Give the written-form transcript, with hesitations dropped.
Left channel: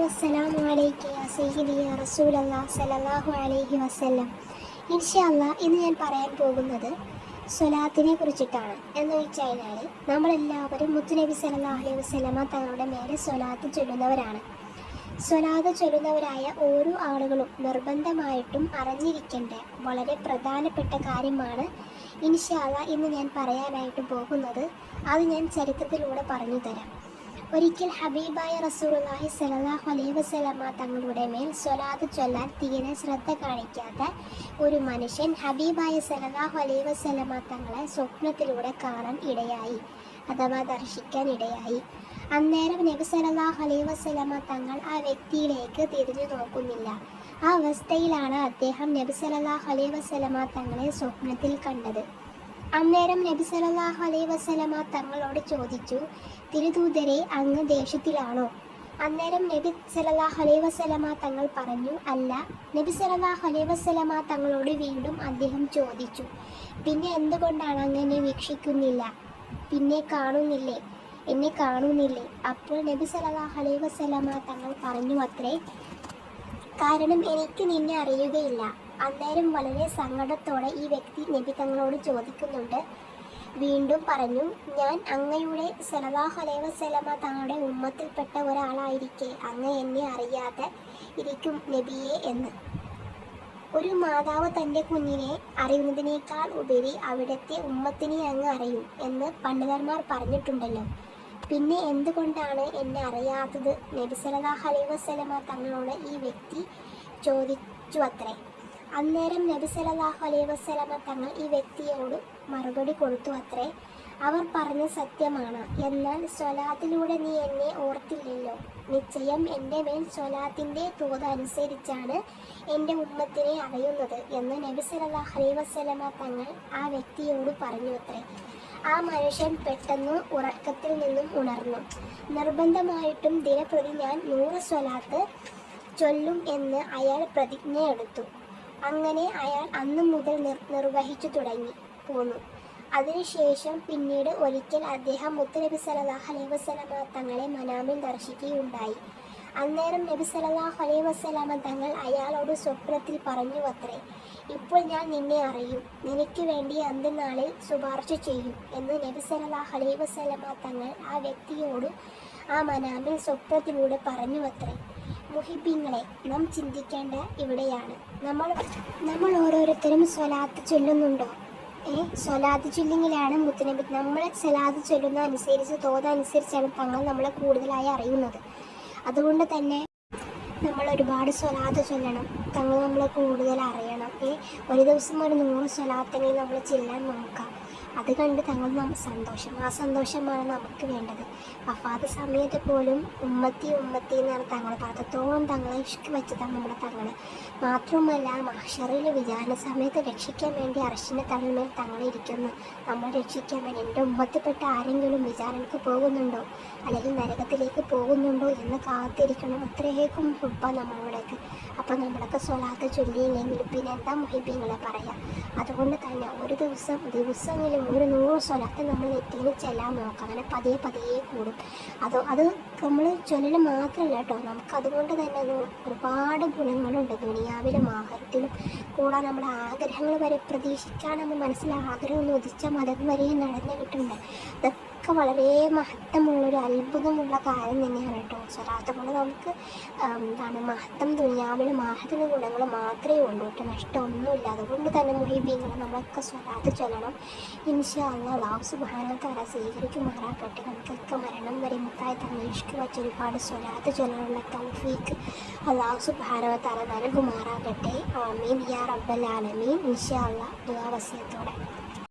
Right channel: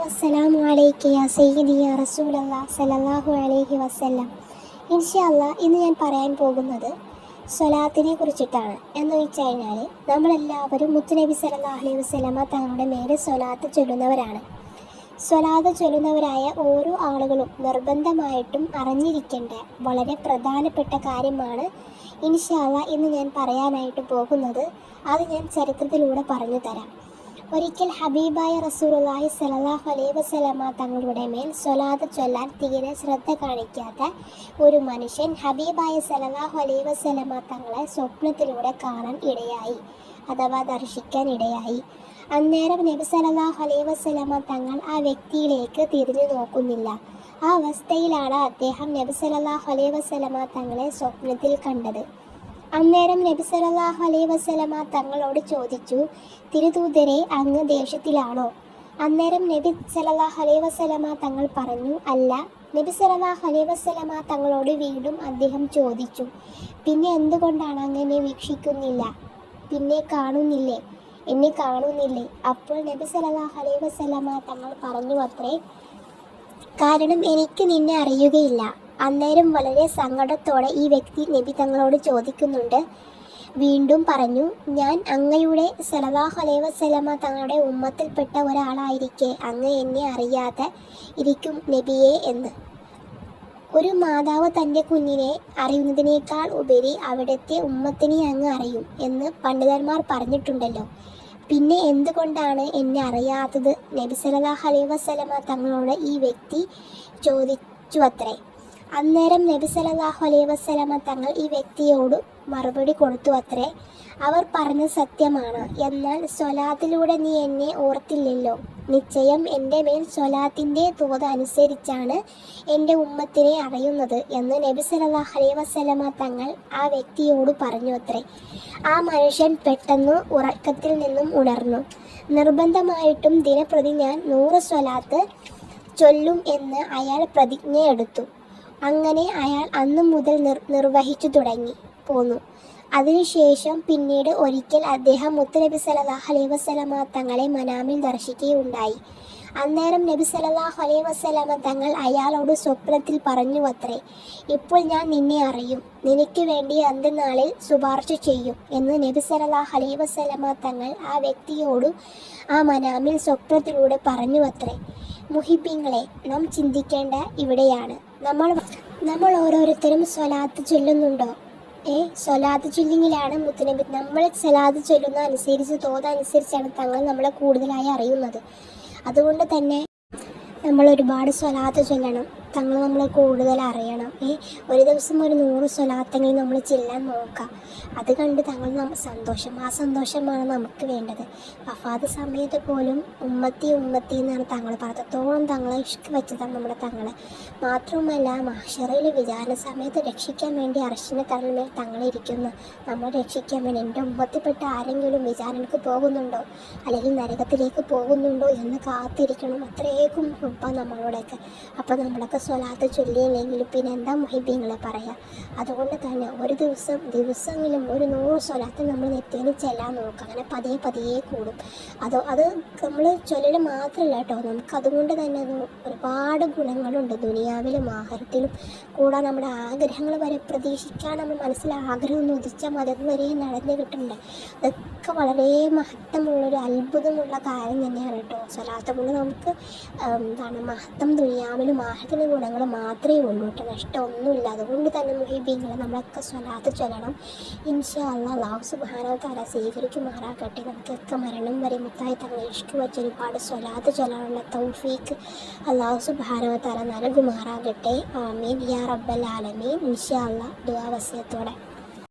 വസ്സലാമു അലൈക യാ സയ്യിദി യാ റസൂലല്ലാഹ് സല്ലല്ലാഹു അലൈഹി വസല്ലം. ഇൻഷാ അല്ലാഹ് ഇന്ന് ഞാൻ പറയാൻ പോകുന്നത് സ്വലാത്തിനെ കുറിച്ചിട്ടാണ്. എന്ന് വെച്ച് കഴിഞ്ഞാൽ നമ്മളെല്ലാവരും മുത്തുനബി സല്ലല്ലാഹു അലൈഹി വസല്ലമ തങ്ങളുടെ മേലെ സ്വലാത്ത് ചൊല്ലുന്നവരാണ്. സ്വലാത്ത് ചൊല്ലുന്നവരായ ഓരോ ആളുകളും നിർബന്ധമായിട്ടും അറിഞ്ഞിരിക്കേണ്ട വളരെ പ്രധാനപ്പെട്ട കാര്യമാണ് ഇൻഷാ അല്ലാഹ് ഇന്ന് ഞാൻ പറയാനായിട്ട് പോകുന്നത്. അത് ഞാൻ ചരിത്രത്തിലൂടെ പറഞ്ഞു തരാം. ഒരിക്കൽ ഹബീബായ റസൂലുള്ളാഹി സ്വല്ലല്ലാഹു അലൈഹി വസല്ലമ തങ്ങളുടെ മേൽ സ്വലാത്ത് ചൊല്ലാൻ തീരെ ശ്രദ്ധ കാണിക്കാത്ത ഒരു മനുഷ്യൻ ഹബീബായ സ്വല്ലല്ലാഹു അലൈഹി വസല്ലമ തങ്ങളെ സ്വപ്നത്തിലൂടെ കാണാൻ ഇടയായി, അഥവാ ദർശിക്കാൻ ഇടയായി. അന്നേരം നബി സല്ലല്ലാഹു അലൈഹി വസല്ലമ തങ്ങൾ ആ വ്യക്തിയിലേക്ക് തിരിഞ്ഞു നോക്കുന്നില്ല. ആ അവസ്ഥയിലാണ് അദ്ദേഹം നബി സല്ലല്ലാഹു അലൈഹി വസല്ലമ തങ്ങളെ സ്വപ്നത്തിൽ കണ്ടത്. അന്നേരം നബി സല്ലല്ലാഹു അലൈഹി വസല്ലമ തങ്ങളോട് ചോദിച്ചു, തിരുദൂതരെ, അങ്ങ് ദേഷ്യത്തിലാണോ? അന്നേരം നബി സല്ലല്ലാഹു അലൈഹി വസല്ലമ തങ്ങൾ പറഞ്ഞു, അല്ല. നബി സല്ലല്ലാഹു അലൈഹി വസല്ലമ തങ്ങളോട് വീണ്ടും അദ്ദേഹം ചോദിച്ചു, പിന്നെ എന്തുകൊണ്ടാണ് അങ്ങനെ വീക്ഷിക്കുന്നില്ല? പിന്നെ എന്നെ കാണുന്നില്ലേ? അപ്പോൾ നബി സല്ലല്ലാഹു അലൈഹി വസല്ലമ തങ്ങൾ പറഞ്ഞു അത്രേ, കാരണം എനിക്ക് നിന്നെ അറിയുകയില്ല. അന്നേരം വളരെ സങ്കടത്തോടെ ഈ വ്യക്തി നബി തങ്ങളോട് ചോദിക്കുന്നുണ്ട്, വീണ്ടും പറഞ്ഞു, ഞാൻ അങ്ങയുടെ സല്ലല്ലാഹു അലൈഹി വസല്ലമ തങ്ങളുടെ ഉമ്മത്തിൽപ്പെട്ട ഒരാളായിരിക്കെ അങ്ങ് എന്നെ അറിയാതെ ഇരിക്കും നബിയെ എന്ന്. ഒരു മാതാവ് തൻ്റെ കുഞ്ഞിനെ അറിയുന്നതിനേക്കാൾ ഉപരി അവിടുത്തെ ഉമ്മത്തിനെ അങ്ങ് അറിയും എന്ന് പണ്ഡിതന്മാർ പറഞ്ഞിട്ടുണ്ടല്ലോ. പിന്നെ എന്തുകൊണ്ടാണ് എന്നെ അറിയാത്തത്? നബി സല്ലല്ലാഹു അലൈഹി വസല്ലമ തങ്ങളോട് ഈ വ്യക്തി ചോദിച്ചു അത്രേ. അന്നേരം നബി സല്ലല്ലാഹു അലൈഹി വസല്ലമ തങ്ങൾ ഈ വ്യക്തിയോട് മറുപടി കൊടുത്തു അത്രേ, അവർ പറഞ്ഞ സത്യമാണ്. എന്നാൽ സ്വലാത്തിലൂടെ നീ എന്നെ ഓർത്തില്ലല്ലോ. നിശ്ചയം എൻ്റെ മേൽ സ്വലാത്തിൻ്റെ തോത് അനുസരിച്ചാണ് എൻ്റെ ഉമ്മത്തിനെ അറിയുന്നത് എന്ന് നബി സല്ലല്ലാഹു അലൈഹി വസല്ലമ തങ്ങൾ ആ വ്യക്തിയോട് പറഞ്ഞു അത്രേ. ആ മനുഷ്യൻ പെട്ടെന്ന് ഉറക്കത്തിൽ നിന്നും ഉണർന്നു. നിർബന്ധമായിട്ടും ദിനപ്രതി ഞാൻ 100 സ്വലാത്ത് ചൊല്ലും എന്ന് അയാൾ പ്രതിജ്ഞയെടുത്തു. അങ്ങനെ അയാൾ അന്നു മുതൽ നിർവഹിച്ചു പോന്നു. അതിനുശേഷം പിന്നീട് ഒരിക്കൽ അദ്ദേഹം മുത്തുനബി സല്ലല്ലാഹു അലൈഹി വസല്ലമ തങ്ങളെ മനാമിൽ ദർശിക്കുകയുണ്ടായി. അന്നേരം നബി സല്ലല്ലാഹു അലൈഹി വസല്ലമ തങ്ങൾ അയാളോട് സ്വപ്നത്തിൽ പറഞ്ഞു അത്രേ, ഇപ്പോൾ ഞാൻ നിന്നെ അറിയും, നിനക്ക് വേണ്ടി അന്ത്യനാളിൽ ശുപാർശ ചെയ്യും എന്ന് നബി സല്ലല്ലാഹു അലൈഹി വസല്ലമ തങ്ങൾ ആ വ്യക്തിയോട് ആ മനാമിൽ സ്വപ്നത്തിലൂടെ പറഞ്ഞു അത്രേ. മുഹിബീങ്ങളെ, നാം ചിന്തിക്കേണ്ട ഇവിടെയാണ്. നമ്മൾ ഓരോരുത്തരും സ്വലാത്ത് ചൊല്ലുന്നുണ്ടോ? സ്വലാത്ത് ചൊല്ലിങ്ങിലാണ് മുത്തുനബി നമ്മൾ സ്വലാത്ത് ചൊല്ലുന്ന അനുസരിച്ച് തോതനുസരിച്ചാണ് തങ്ങൾ നമ്മളെ കൂടുതലായി അറിയുന്നത്. അതുകൊണ്ട് തന്നെ നമ്മൾ ഒരുപാട് സ്വലാത്ത് ചൊല്ലണം, തങ്ങൾ നമ്മളെ കൂടുതൽ അറിയണം. ഒരു ദിവസം ഒരു 100 സ്വലാത്തെങ്കിലും നമ്മൾ ചെല്ലാൻ നോക്കാം. അത് കണ്ട് തങ്ങൾ ആ സന്തോഷമാണ് നമുക്ക് വേണ്ടത്. വഫാത്ത് സമയത്ത് പോലും ഉമ്മത്തി എന്നാണ് തങ്ങൾ പറഞ്ഞത്തോളം തങ്ങളെ ഇഷ്ക് വെച്ചതാണ് നമ്മുടെ തങ്ങൾ. മാത്രവുമല്ല, മഹ്ശറിൽ വിചാരണ സമയത്ത് രക്ഷിക്കാൻ വേണ്ടി അർശിൻ്റെ തലമേൽ തങ്ങളിരിക്കുന്നു. നമ്മൾ രക്ഷിക്കാൻ വേണ്ടി എൻ്റെ ഉമ്മത്തിൽപ്പെട്ട ആരെങ്കിലും വിചാരണക്ക് പോകുന്നുണ്ടോ അല്ലെങ്കിൽ നരകത്തിലേക്ക് പോകുന്നുണ്ടോ എന്ന് കാത്തിരിക്കണം. അത്രയേക്കും മുഹബ്ബ നമ്മളോടൊക്കെ. അപ്പോൾ നമ്മളൊക്കെ സ്വലാത്ത് ചൊല്ലിയില്ലെങ്കിൽ പിന്നെ എന്താ മുഹിബീങ്ങളെ പറയാം. അതുകൊണ്ട് തന്നെ ഒരു ദിവസമെങ്കിലും ഒരു 100 സ്വലാത്ത് നമ്മൾ നെറ്റിന് ചെല്ലാൻ നോക്കാം. അങ്ങനെ പതിയെ കൂടും. അത് നമ്മൾ ചൊല്ലൽ മാത്രമല്ല കേട്ടോ, നമുക്കതുകൊണ്ട് തന്നെ ഒരുപാട് ഗുണങ്ങളുണ്ട് ദുനിയാവിലും ആഖിറത്തിലും. കൂടാതെ നമ്മുടെ ആഗ്രഹങ്ങൾ വരെ പ്രതീക്ഷിക്കാൻ നമ്മൾ മനസ്സിൽ ആഗ്രഹമൊന്നും ഉദിച്ചാൽ മതം വരെ നടന്നു കിട്ടുന്നുണ്ട്. അതൊക്കെ വളരെ മഹത്വമുള്ളൊരു അത്ഭുതമുള്ള കാര്യം തന്നെയാണ് കേട്ടോ. സ്വലാത്ത് കൊണ്ട് നമുക്ക് മഹത്വം ദുനിയാവിലും ആഖിറത്തിലും ഗുണങ്ങൾ മാത്രമേ ഉള്ളൂ കേട്ടോ, നഷ്ടമൊന്നുമില്ല. അതുകൊണ്ട് തന്നെ മുഹിബീങ്ങൾ നമ്മളൊക്കെ സ്വലാത്ത് ചൊല്ലണം. ഇൻഷാ അല്ലാഹ് അല്ലാഹു സുബ്ഹാനഹു വ തആല സ്വീകരിക്കുമാറാകട്ടെ. നമുക്കൊക്കെ മരണം വരെ മുത്തായി തങ്ങൾ ഇഷ്ക് വെച്ച് ഒരുപാട് സ്വലാത്ത് ചൊല്ലാനുള്ള തൗഫീഖ് അല്ലാഹു സുബ്ഹാനഹു വ തആല നൽകുമാറാകട്ടെ. ആമീൻ യാ റബ്ബൽ ആലമീൻ. ഇൻഷാ അല്ലാഹ് ദുആ വസിയത്തോടെ.